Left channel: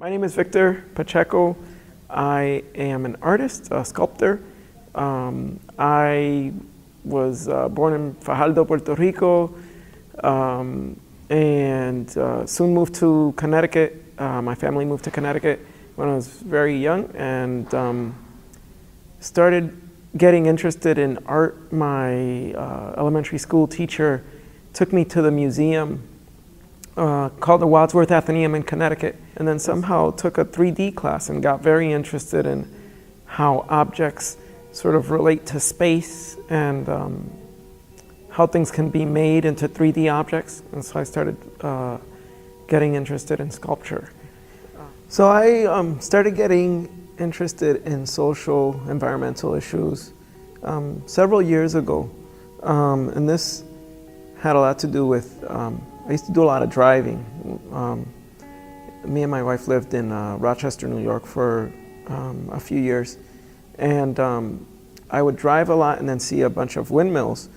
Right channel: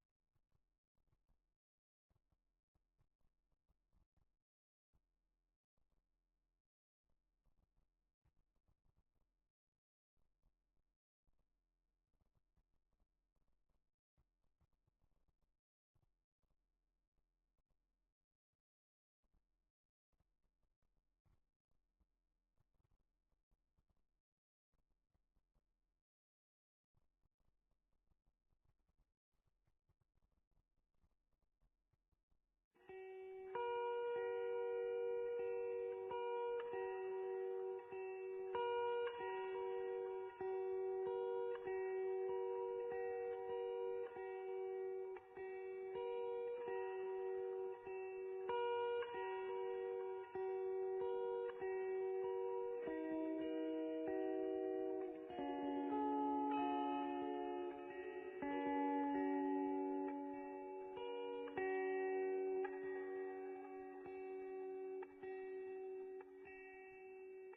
My name is Victor Pacheco. I am an artist, a sculptor. I was born in Fajardo, Puerto Rico, and soon moved to Connecticut. My family moved to Connecticut when I was very young and started getting interested in art. My elementary school teacher took me to the museum called the Wadsworth Atheneum in Connecticut, and then somehow took a 3D class and got very interested in how objects sort of relate to space and how things can be made into 3D objects. And so I started getting interested in sculpture. So I started getting interested in social, environmental issues several years ago. And this had a lot to do with, I used to do a lot of driving. Me and my wife lived in Rochester, New York for a few years. And I would drive a lot and then see a bunch of windmills.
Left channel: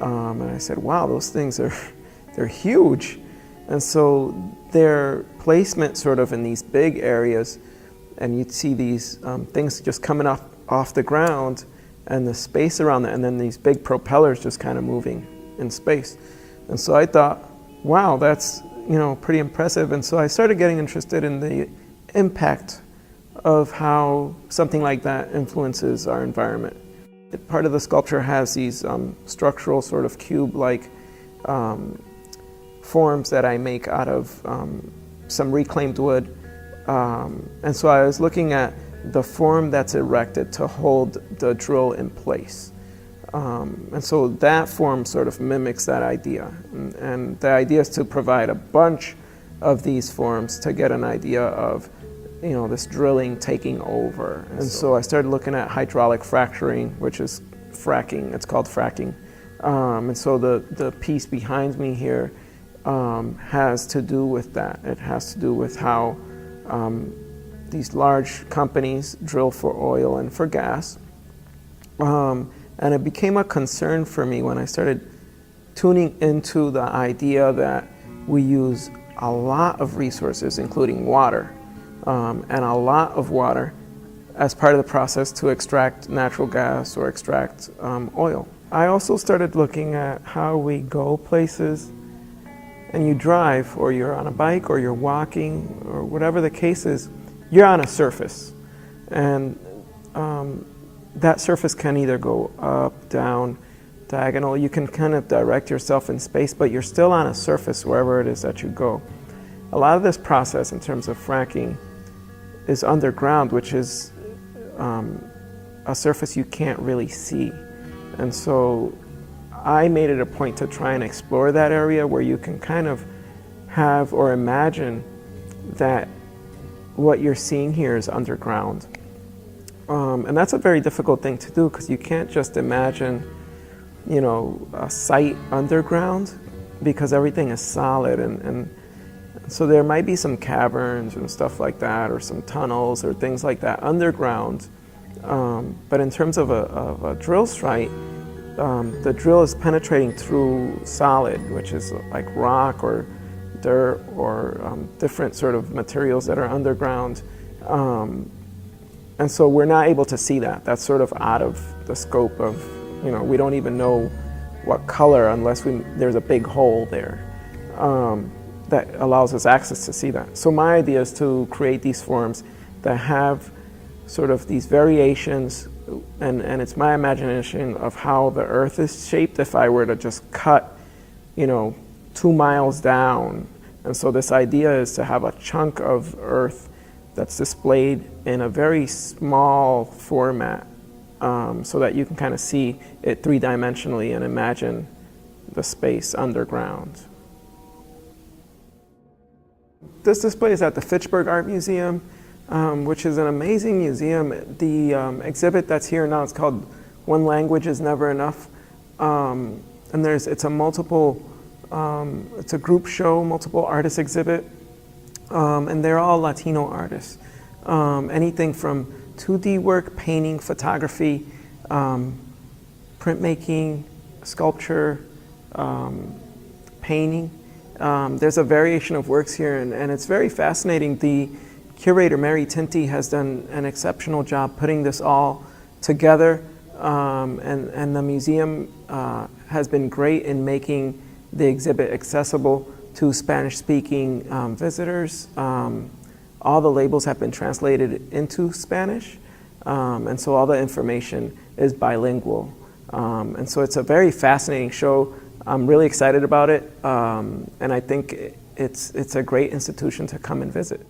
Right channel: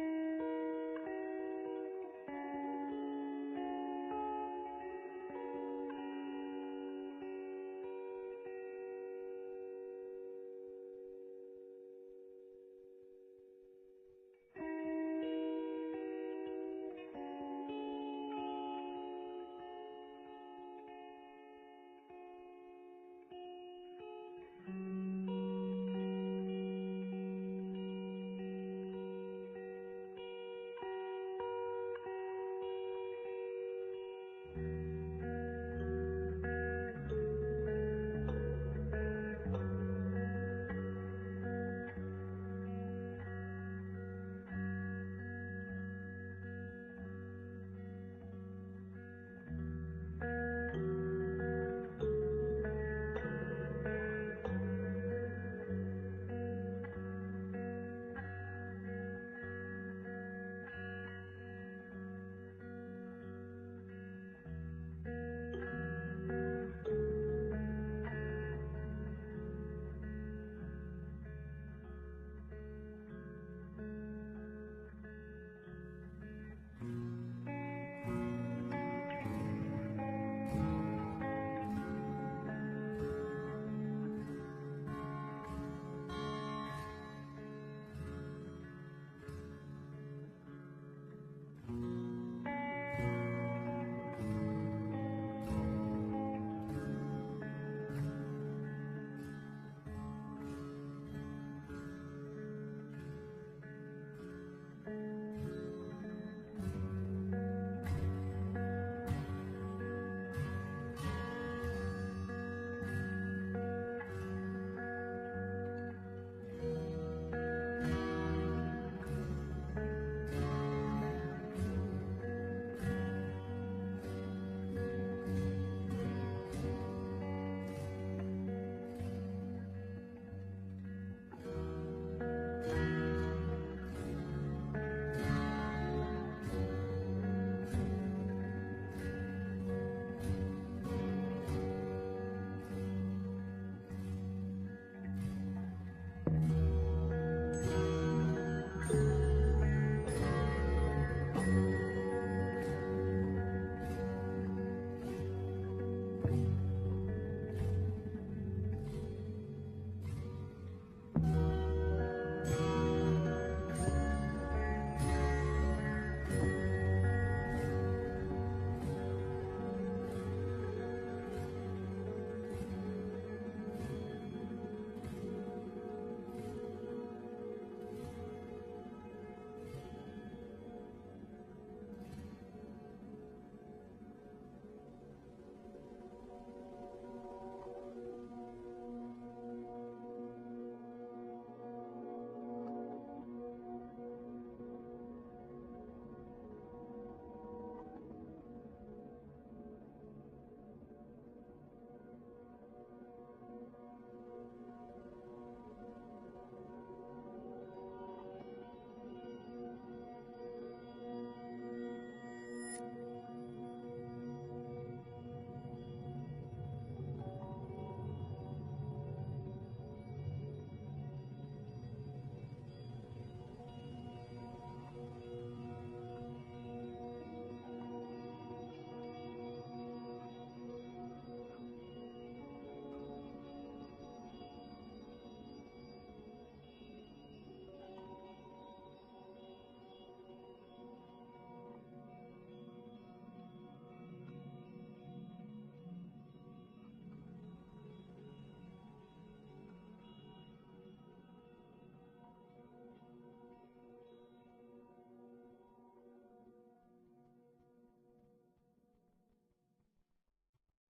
And I said, wow, those things they're huge. And so their placement sort of in these big areas, and you'd see these things just coming off the ground and the space around it, and then these big propellers just kind of moving in space. And so I thought, wow, that's pretty impressive. And so I started getting interested in the impact of how something like that influences our environment. Part of the sculpture has these structural sort of cube-like forms that I make out of some reclaimed wood. And so I was looking at the form that's erected to hold the drill in place. And so that form sort of mimics that idea. And the idea is to provide a bunch of these forms to get an idea of this drilling taking over. And so I started looking at hydraulic fracturing, which is fracking. It's called fracking. And so the piece behind me here has to do with that. It has to do with how these large companies drill for oil and for gas. And it became a concern for me when I started tuning into the idea that we use a lot of resources, including water, and a lot of water as part of the process to extract natural gas or extract oil. I also started looking at how we go places, and you drive, or you're on a bike, or you're walking, or whatever the case is, you're on a surface. And that surface can either go up, down, diagonal. You can kind of direct yourself in space, but you're still on a surface wherever it is that you go. A lot of this process in terms of fracking is underground, which is a surface you can't really see. And so I made it a point to try and explore that area where you can kind of have or imagine that what you're seeing here is underground. And that's a very difficult thing to do because you can't just imagine, a site underground because everything is solid. And so there might be some caverns and stuff like that, or some tunnels or things like that underground. But in terms of a drill site, the drill is penetrating through solid, which is like rock or dirt or different sort of materials that are underground. And so we're not able to see that. That's sort of out of the scope of, we don't even know what color unless there's a big hole there that allows us access to see that. So my idea is to create these forms that have sort of these variations, and it's my imagination of how the earth is shaped if I were to just cut, 2 miles down. And so this idea is to have a chunk of earth that's displayed in a very small format so that you can kind of see it three-dimensionally and imagine the space underground. This display is at the Fitchburg Art Museum, which is an amazing museum. The exhibit that's here now is called One Language is Never Enough. And it's a group show, multiple artist exhibit. And they're all Latino artists. Anything from 2D work, painting, photography, printmaking, sculpture, painting. There's a variation of works here, and it's very fascinating. The curator Mary Tinty has done an exceptional job putting this all together, and the museum has been great in making the exhibit accessible to Spanish-speaking visitors. All the labels have been translated into Spanish, and so all the information is bilingual. And so it's a very fascinating show. I'm really excited about it, and I think it's a great institution to come and visit.